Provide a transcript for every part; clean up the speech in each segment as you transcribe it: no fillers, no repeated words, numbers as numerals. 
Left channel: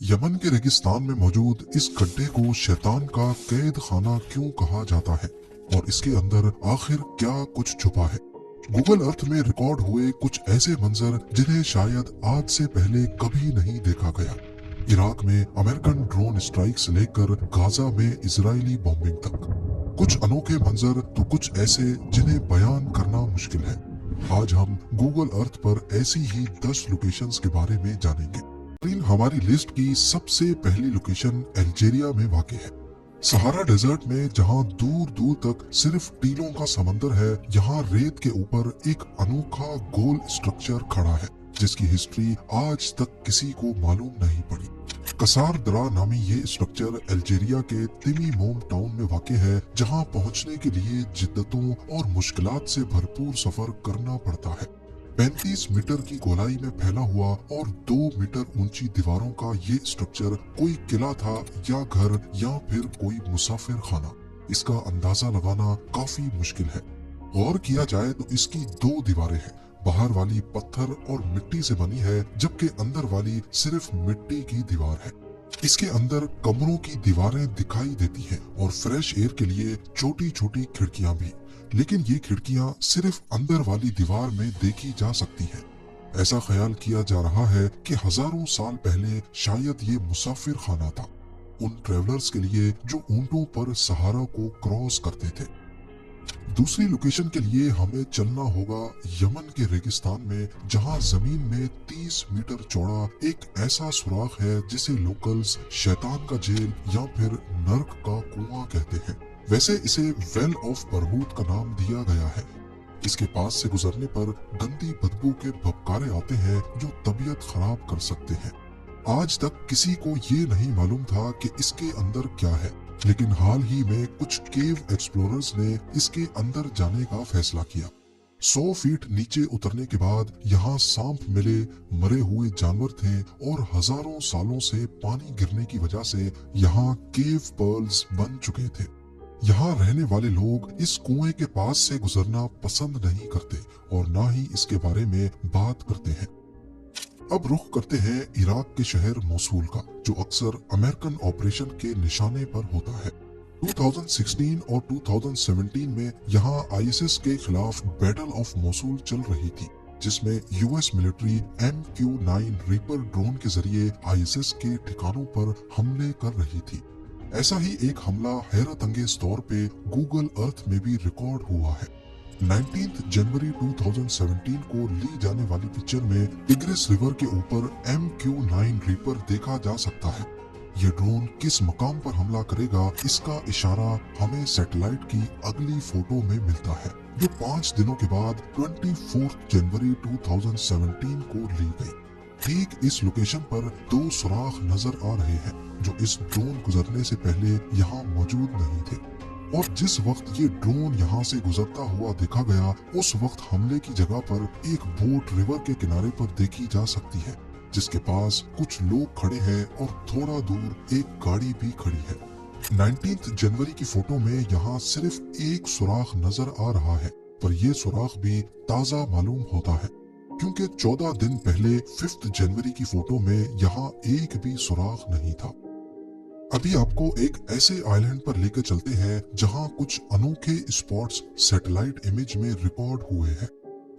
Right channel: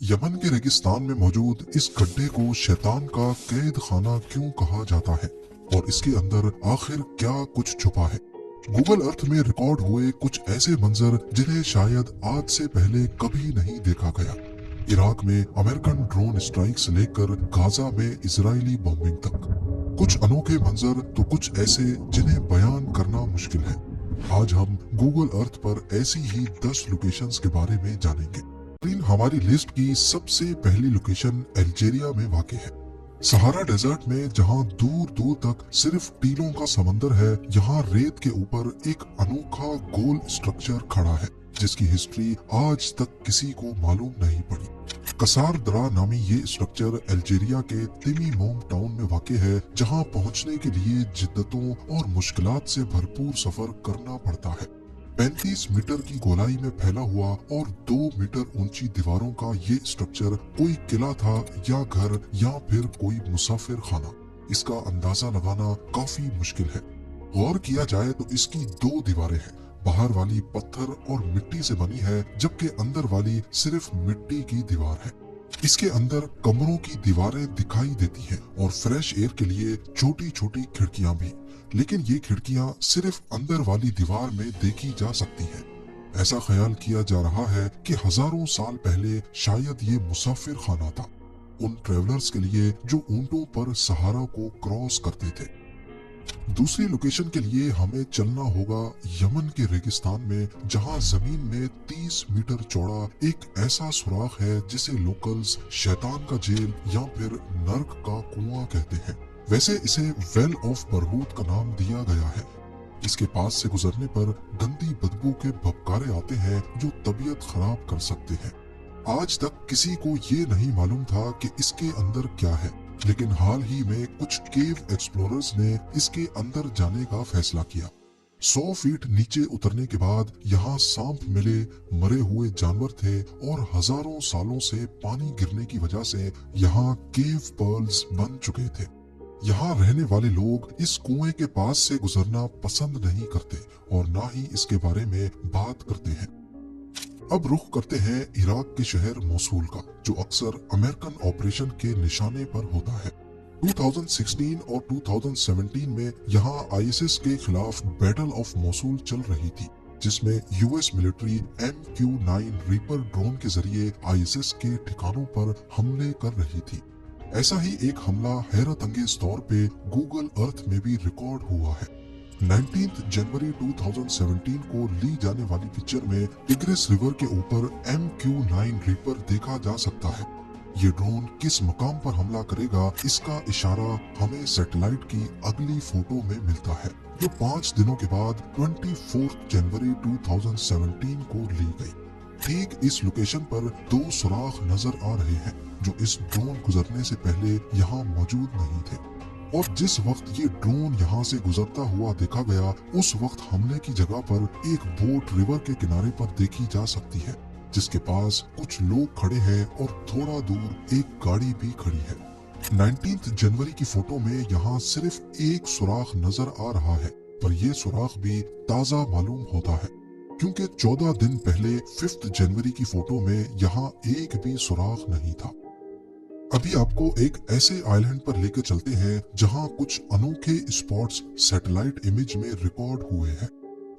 Yemen के रेगिस्तान में मौजूद इस गड्ढे को शैतान का कैद खाना क्यों कहा जाता है और इसके अंदर आखिर क्या कुछ छुपा है। गूगल अर्थ में रिकॉर्ड हुए कुछ ऐसे मंजर जिन्हें शायद आज से पहले कभी नहीं देखा गया। इराक में अमेरिकन ड्रोन स्ट्राइक से लेकर गाजा में इजरायली बॉम्बिंग तक कुछ अनोखे मंजर तो कुछ ऐसे जिन्हें बयान करना मुश्किल है। आज हम गूगल अर्थ पर ऐसी ही 10 लोकेशंस के बारे में जानेंगे। लेकिन हमारी लिस्ट की सबसे पहली लोकेशन अल्जीरिया में वाक़ है। सहारा डेजर्ट में जहां दूर दूर तक सिर्फ टीलों का समंदर है, यहाँ रेत के ऊपर एक अनोखा गोल स्ट्रक्चर खड़ा है जिसकी हिस्ट्री आज तक किसी को मालूम नहीं पड़ी। कसार दरा नामी ये स्ट्रक्चर अल्जीरिया के तिमी मोम टाउन में वाक़ है, जहां पहुंचने के लिए जिद्दतों और मुश्किलात से भरपूर सफर करना पड़ता है। 35 मीटर की गोलाई में फैला हुआ और 2 मीटर ऊंची दीवारों का ये स्ट्रक्चर कोई किला था या घर या फिर कोई मुसाफिर खाना, इसका अंदाजा लगाना काफी मुश्किल है। गौर किया जाए तो इसकी 2 दीवारें हैं। बाहर वाली पत्थर और मिट्टी से बनी है, जबकि अंदर वाली सिर्फ मिट्टी की दीवार है। इसके अंदर कमरों की दीवारें दिखाई देती हैं और फ्रेश एयर के लिए छोटी छोटी खिड़कियां भी, लेकिन ये खिड़कियां सिर्फ अंदर वाली दीवार में देखी जा सकती हैं। ऐसा ख्याल किया जा रहा है कि हजारों साल पहले शायद ये मुसाफिर खाना था, उन ट्रेवलर्स के लिए जो ऊंटों पर सहारा को क्रॉस करते थे। दूसरी लोकेशन के लिए हमें चलना होगा यमन के रेगिस्तान में, जहां जमीन में 30 मीटर चौड़ा एक ऐसा सुराख है जिसे लोकल्स शैतान का जेल या फिर नर्क का कुआं कहते हैं। वैसे इसे वेल ऑफ बरहूत का नाम दिया गया है। इसके पास से गुजरने पर गंदी बदबू के भपकारे आते हैं जो तबीयत खराब कर सकते हैं। आज तक किसी को ये नहीं मालूम था कि इसके अंदर क्या है, लेकिन हाल ही में कुछ केव एक्सप्लोरर्स ने इसके अंदर जाने का फैसला किया। 100 फीट नीचे उतरने के बाद यहाँ सांप मिले, मरे हुए जानवर थे और हजारों सालों से पानी गिरने की वजह से यहाँ केव पर्ल्स बन चुके थे। यहाँ रहने वाले लोग इस कुएं के पास से गुजरना पसंद नहीं करते और ना ही इसके बारे में बात करते हैं। अब रुख करते हैं इराक के शहर मोसूल का, जो अक्सर अमेरिकन ऑपरेशन के निशाने पर होता है। 2016 और 2017 में यहाँ आईएसएस के खिलाफ बैटल ऑफ मोसूल चल रही थी, जिसमें US military MQ-9 reaper drone के जरिए आईएसएस के ठिकानों पर हमले कर रही थी। ऐसा ही एक हमला हैरत अंगेज तौर पे गूगल अर्थ में भी रिकॉर्ड हुआ है। 19 जनवरी 2017 को ली जाने वाली पिक्चर में टिग्रिस रिवर के ऊपर MQ-9 रीपर देखा जा सकता है। ये ड्रोन किस मकाम पर हमला करेगा, इसका इशारा हमें सैटेलाइट की अगली फोटो में मिलता है, जो 5 दिनों के बाद 24 जनवरी 2017 को ली गई। ठीक इस लोकेशन पर 2 सुराख नजर आ रहे हैं जो इस ड्रोन गुजरने से पहले यहाँ मौजूद नहीं थे, और जिस वक्त ये ड्रोन यहाँ से गुजरता हुआ देखा गया, उस वक्त हमले की जगह पर एक बोट रिवर के किनारे पर देखी जा सकती है, जिसके पास कुछ लोग खड़े हैं और थोड़ा दूर एक गाड़ी भी खड़ी है। 19 जनवरी की फोटो में यहाँ सिर्फ एक सुराख नजर आ रहा है, पर यह सुराख भी ताजा मालूम होता है, क्योंकि 14 दिन पहले 5 जनवरी की फोटो में यहाँ एक भी सुराख नहीं था। अभी आपको एक ऐसे आइलैंड पर लेकर चलते हैं जहां कुछ अनोखे स्पॉट्स सैटेलाइट इमेज में रिकॉर्ड हुए हैं।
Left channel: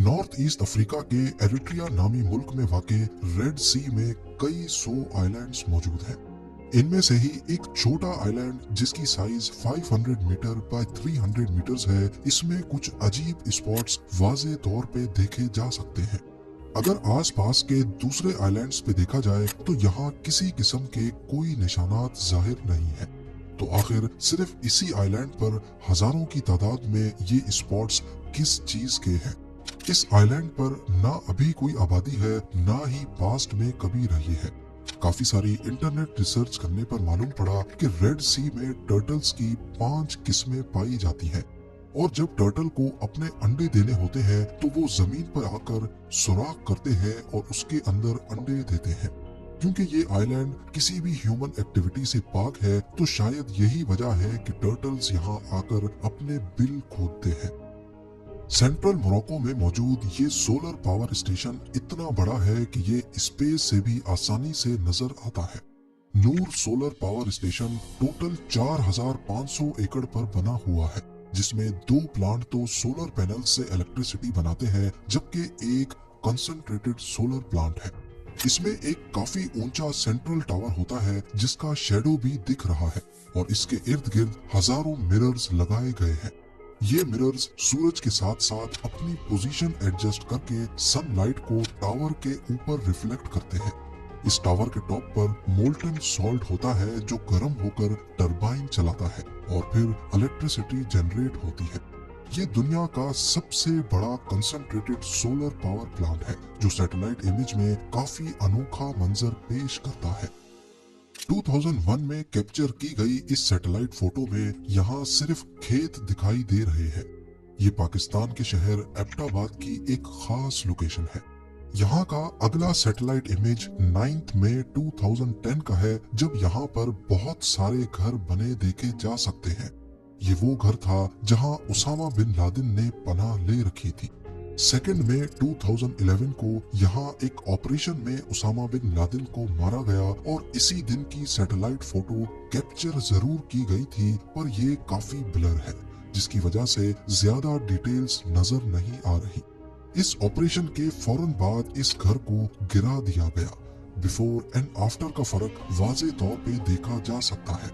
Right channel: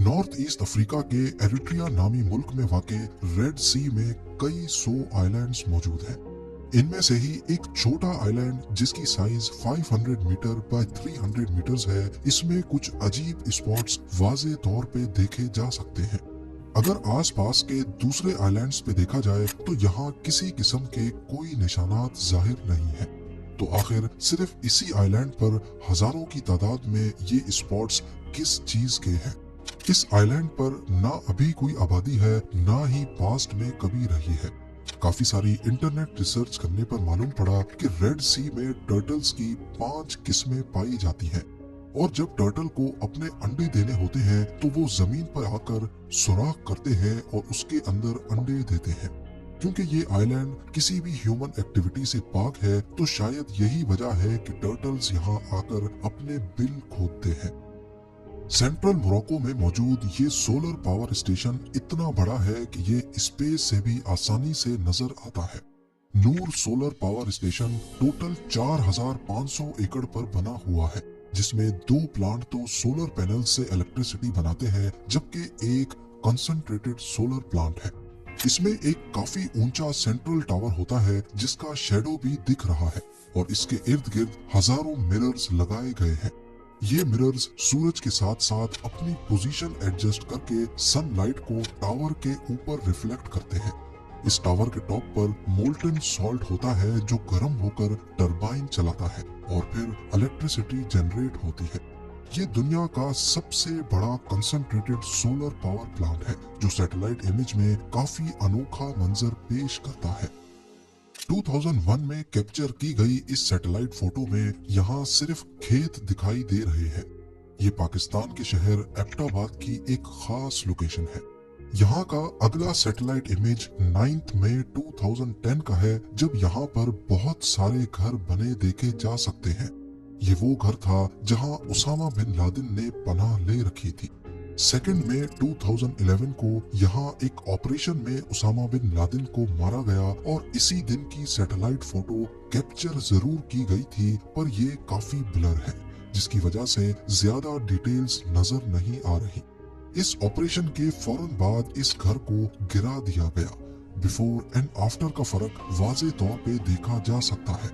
नॉर्थ ईस्ट अफ्रीका के एरिट्रिया नामी मुल्क में वाक़ रेड सी में कई 100 आइलैंड्स मौजूद हैं। इनमें से ही एक छोटा आइलैंड जिसकी साइज 500 मीटर बाय 300 मीटर्स है, इसमें कुछ अजीब स्पॉट्स वाज़े तौर पे देखे जा सकते हैं। अगर आसपास के दूसरे आइलैंड्स पे देखा जाए तो यहाँ किसी किस्म के कोई निशानात जाहिर नहीं है, तो आखिर सिर्फ इसी आइलैंड पर हजारों की तादाद में ये स्पॉट्स किस चीज के हैं। इस आइलैंड पर ना अभी कोई आबादी है, ना ही पास्ट में कभी रही है। काफी सारी इंटरनेट रिसर्च करने पर मालूम पड़ा कि रेड सी में टर्टल्स की 5 किस्में पाई जाती हैं, और जब टर्टल को अपने अंडे देने होते हैं तो वो जमीन पर आकर सुराख करते हैं और उसके अंदर अंडे देते हैं। क्योंकि ये आइलैंड किसी भी ह्यूमन एक्टिविटी से पाक है, तो शायद यही वजह है कि टर्टल्स यहाँ आकर अपने बिल खोदते हैं। सेंट्रल मोरक्को में मौजूद ये सोलर पावर स्टेशन इतना बड़ा है कि ये स्पेस से भी आसानी से नजर आता है। नूर सोलर पावर स्टेशन टोटल 4500 एकड़ पर बना हुआ है, जिसमें 2 प्लांट तो सोलर पैनल से इलेक्ट्रिसिटी बनाते हैं, जबकि एक कंसंट्रेटेड सोलर प्लांट है। इसमें एक काफी ऊंचा सेंट्रल टावर होता है जिसका शेडो भी दिख रहा है, और इसके इर्द गिर्द हजारों मिरर्स लगाए गए हैं। ये मिरर्स सूरज के साथ साथ अपनी पोजीशन एडजस्ट करके सनलाइट को टावर के ऊपर रिफ्लेक्ट करते हैं। इस टावर के टॉप पर मोल्टन सॉल्ट होता है जो गर्म होकर टरबाइन चलाता है और फिर इलेक्ट्रिसिटी जनरेट होती है। ये दुनिया का सबसे बड़ा कंसंट्रेटेड सोलर पावर प्लांट है जो सैटेलाइट इमेज में काफी अनोखा मंजर पेश करता है। 2001 में कैप्चर की गई इस सैटेलाइट फोटो में यहाँ सिर्फ खेत दिखाई दे रहे हैं। ये पाकिस्तान के शहर एबटाबाद की एक खास लोकेशन है। यहाँ का अगला सैटेलाइट इमेज 9 मई 2010 का है, जब यहाँ पर बहुत सारे घर बने देखे जा सकते हैं। ये वो घर था जहाँ उसामा बिन लादेन ने पनाह ले रखी थी। 2 मई 2011 को यहाँ एक ऑपरेशन में उसामा बिन लादेन को मारा गया और इसी दिन की सैटेलाइट फोटो कैप्चर जरूर की गई थी, पर ये काफी ब्लर है, जिसकी वजह से ज्यादा डिटेल्स नजर नहीं आ रही। इस ऑपरेशन के फौरन बाद इस घर को गिरा दिया गया। बिफोर एंड आफ्टर का फर्क वाज़ेह तौर पे देखा जा सकता है।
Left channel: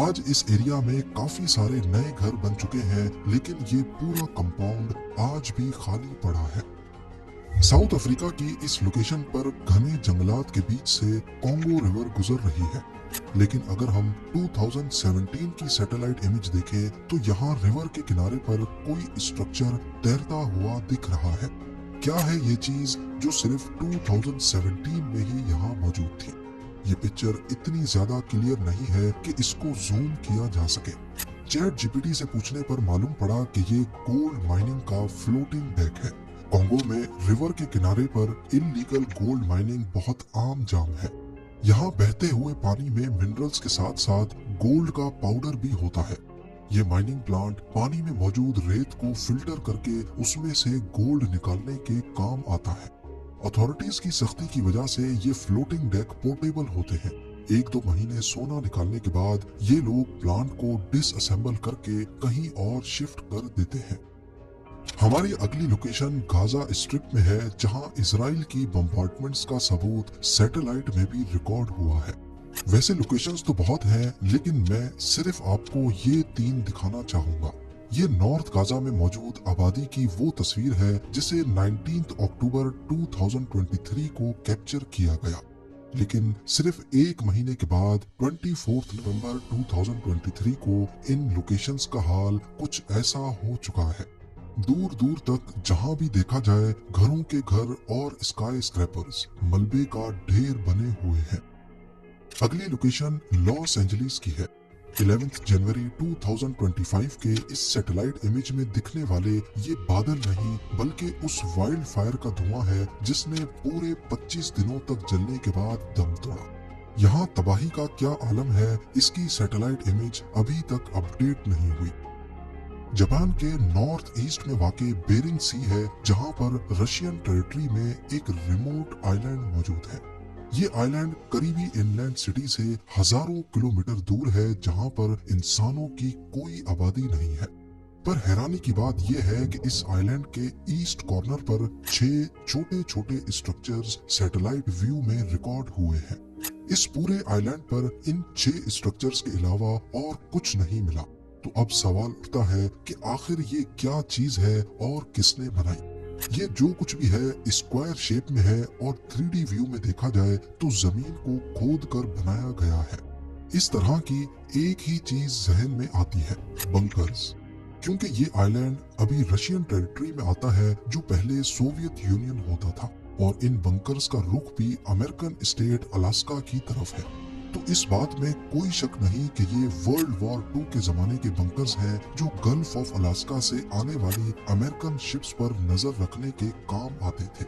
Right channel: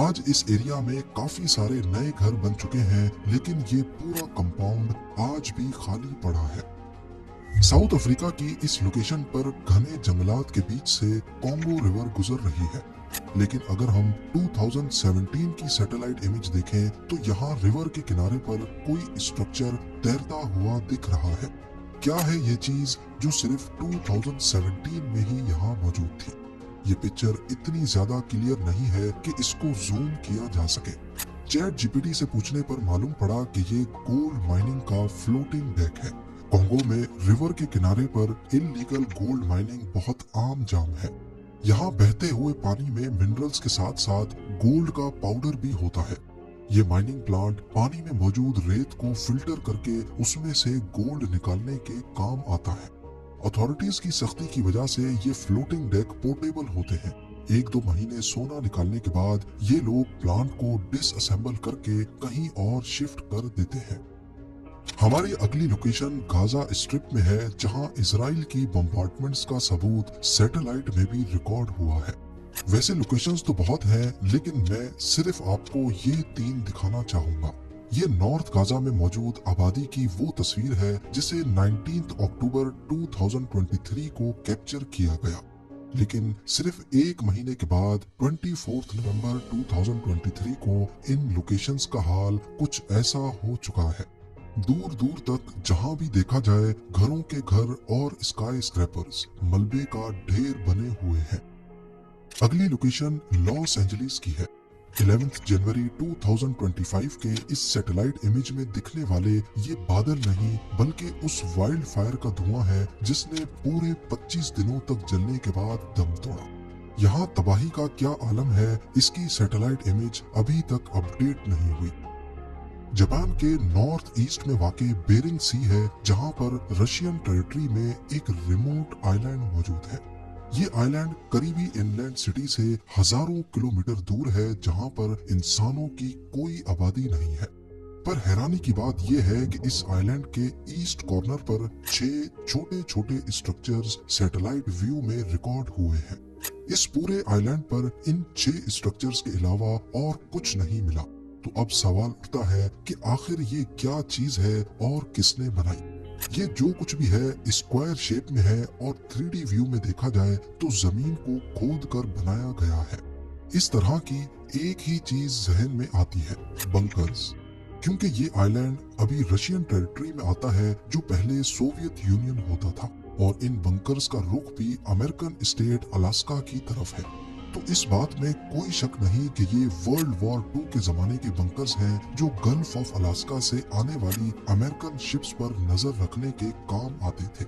आज इस एरिया में काफी सारे नए घर बन चुके हैं, लेकिन ये पूरा कंपाउंड आज भी खाली पड़ा है। साउथ अफ्रीका की इस लोकेशन पर घने जंगलात के बीच से कॉन्गो रिवर गुजर रही है, लेकिन अगर हम 2017 की सैटेलाइट इमेज देखें तो यहाँ रिवर के किनारे पर कोई स्ट्रक्चर तैरता हुआ दिख रहा है। क्या है ये चीज जो सिर्फ 2017 में ही यहाँ मौजूद थी? ये पिक्चर इतनी ज्यादा क्लियर नहीं है कि इसको जूम किया जा सके। चैट जीपीटी से पूछने पर मालूम पड़ा कि ये गोल्ड माइनिंग का फ्लोटिंग डेक है। कॉन्गो में रिवर के किनारे पर इल्लीगल गोल्ड माइनिंग बहुत आम जाम है। यहाँ बहते हुए पानी में मिनरल्स के साथ साथ गोल्ड का पाउडर भी होता है। ये माइनिंग प्लांट पानी में मौजूद रेत को फिल्टर करके उसमें से गोल्ड निकालने के काम आता है। अथॉरिटीज की सख्ती की वजह से ये फ्लोटिंग डेक पोर्टेबल होते हैं। 1-2 महीने सोना निकालने के बाद ये लोग प्लांट को डिसअसेंबल करके कहीं और शिफ्ट कर देते हैं। हमारी अगली लोकेशन गाजा स्ट्रिप में है, जहां इजराइल की बम्बार्डमेंट्स का सबूत सैटेलाइट में भी रिकॉर्ड हुआ है। वैसे लोकेशंस तो बहुत हैं, लेकिन मैं सिर्फ आपको ये 3 दिखाना चाहूंगा। ये नॉर्थ गाजा में मौजूद आबादी की वो तस्वीर है जिसे 19 अक्टूबर 2023 को कैप्चर किया गया, लेकिन सिर्फ 1 महीने के बाद 24 नवंबर 2023 को इन लोकेशंस का हाल कुछ ऐसा हो चुका है। दूर दूर तक जहां भी देखा जाए घरों के घर और स्काई स्क्रैपर्स मलबे का ढेर बने हुए हैं। अगली लोकेशन लॉस एंजलिस की है। 11 जनवरी 2025 के इस सैटेलाइट इमेज में दिखने वाले ये बादल नहीं बल्कि उस वाइल्ड फायर का धुआं है जिसने पूरे 25 दिनों तक जलने के बाद दम तोड़ा। यहाँ तबाही का क्या आलम है, इसकी सैटेलाइट इमेज अभी तक अपडेट नहीं हुई। जापान के नॉर्थ ईस्ट में वाक़े बेरिंग सी है, जहाँ पर रशियन टेरिटरी में एक रिमोट आइलैंड मौजूद है। ये आइलैंड करीबी इनलैंड सिटी से हजारों किलोमीटर दूर है, जहाँ पर इंसानों की कोई आबादी नहीं है। पर हैरानी की बात यह है कि इस आइलैंड के ईस्ट कॉर्नर पर 6 छोटे छोटे स्ट्रक्चर्स सैटेलाइट व्यू में रिकॉर्ड हुए हैं। इस पूरे आइलैंड पर इन 6 स्ट्रक्चर्स के अलावा और कुछ नहीं मिला। तो अब सवाल उठता है कि आखिर ये क्या चीज है और किसने बनाई? ये जो कुछ भी है स्क्वायर शेप में है और 3D व्यू में देखा जाए तो जमीन को खोद कर बनाया गया है। इस तरह की एक ही चीज जहन में आती है, बंकर्स, क्योंकि ये आइलैंड अभी रशियन टेरिटरी में आता है जो पहले सोवियत यूनियन होता था, और इन बंकर्स का रुख भी अमेरिकन स्टेट अलास्का की तरफ है। तो इस बात में कोई शक नहीं कि ये वर्ल्ड वॉर 2 के जमाने के बंकर्स हैं जो गल्फ ऑफ अलास्का से आने वाली अमेरिकन शिप्स पर नजर रखने के काम आते थे।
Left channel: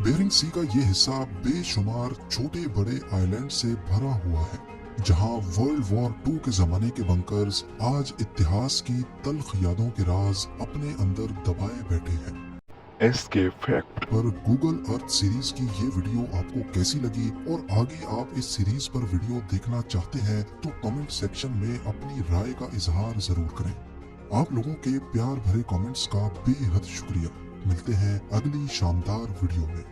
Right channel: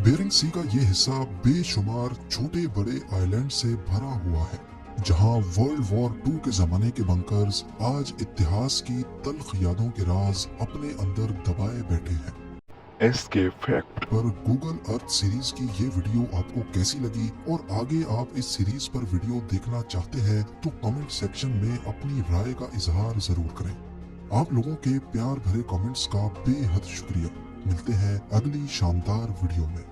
बेरिंग सी का ये हिस्सा बेशुमार छोटे बड़े आइलैंड से भरा हुआ है, जहां वर्ल्ड वॉर 2 के जमाने के बंकर्स आज इतिहास की तल्ख यादों के राज अपने अंदर दबाए बैठे हैं। Escape fact. पर गूगल अर्थ सीरीज की ये वीडियो आपको कैसी लगी और आगे आप इस सीरीज पर वीडियो देखना चाहते हैं तो कमेंट सेक्शन में अपनी राय का इजहार जरूर करें। आप लोगों के प्यार भरे कमेंट्स का बेहद शुक्रिया। मिलते हैं अगली शानदार वीडियो में।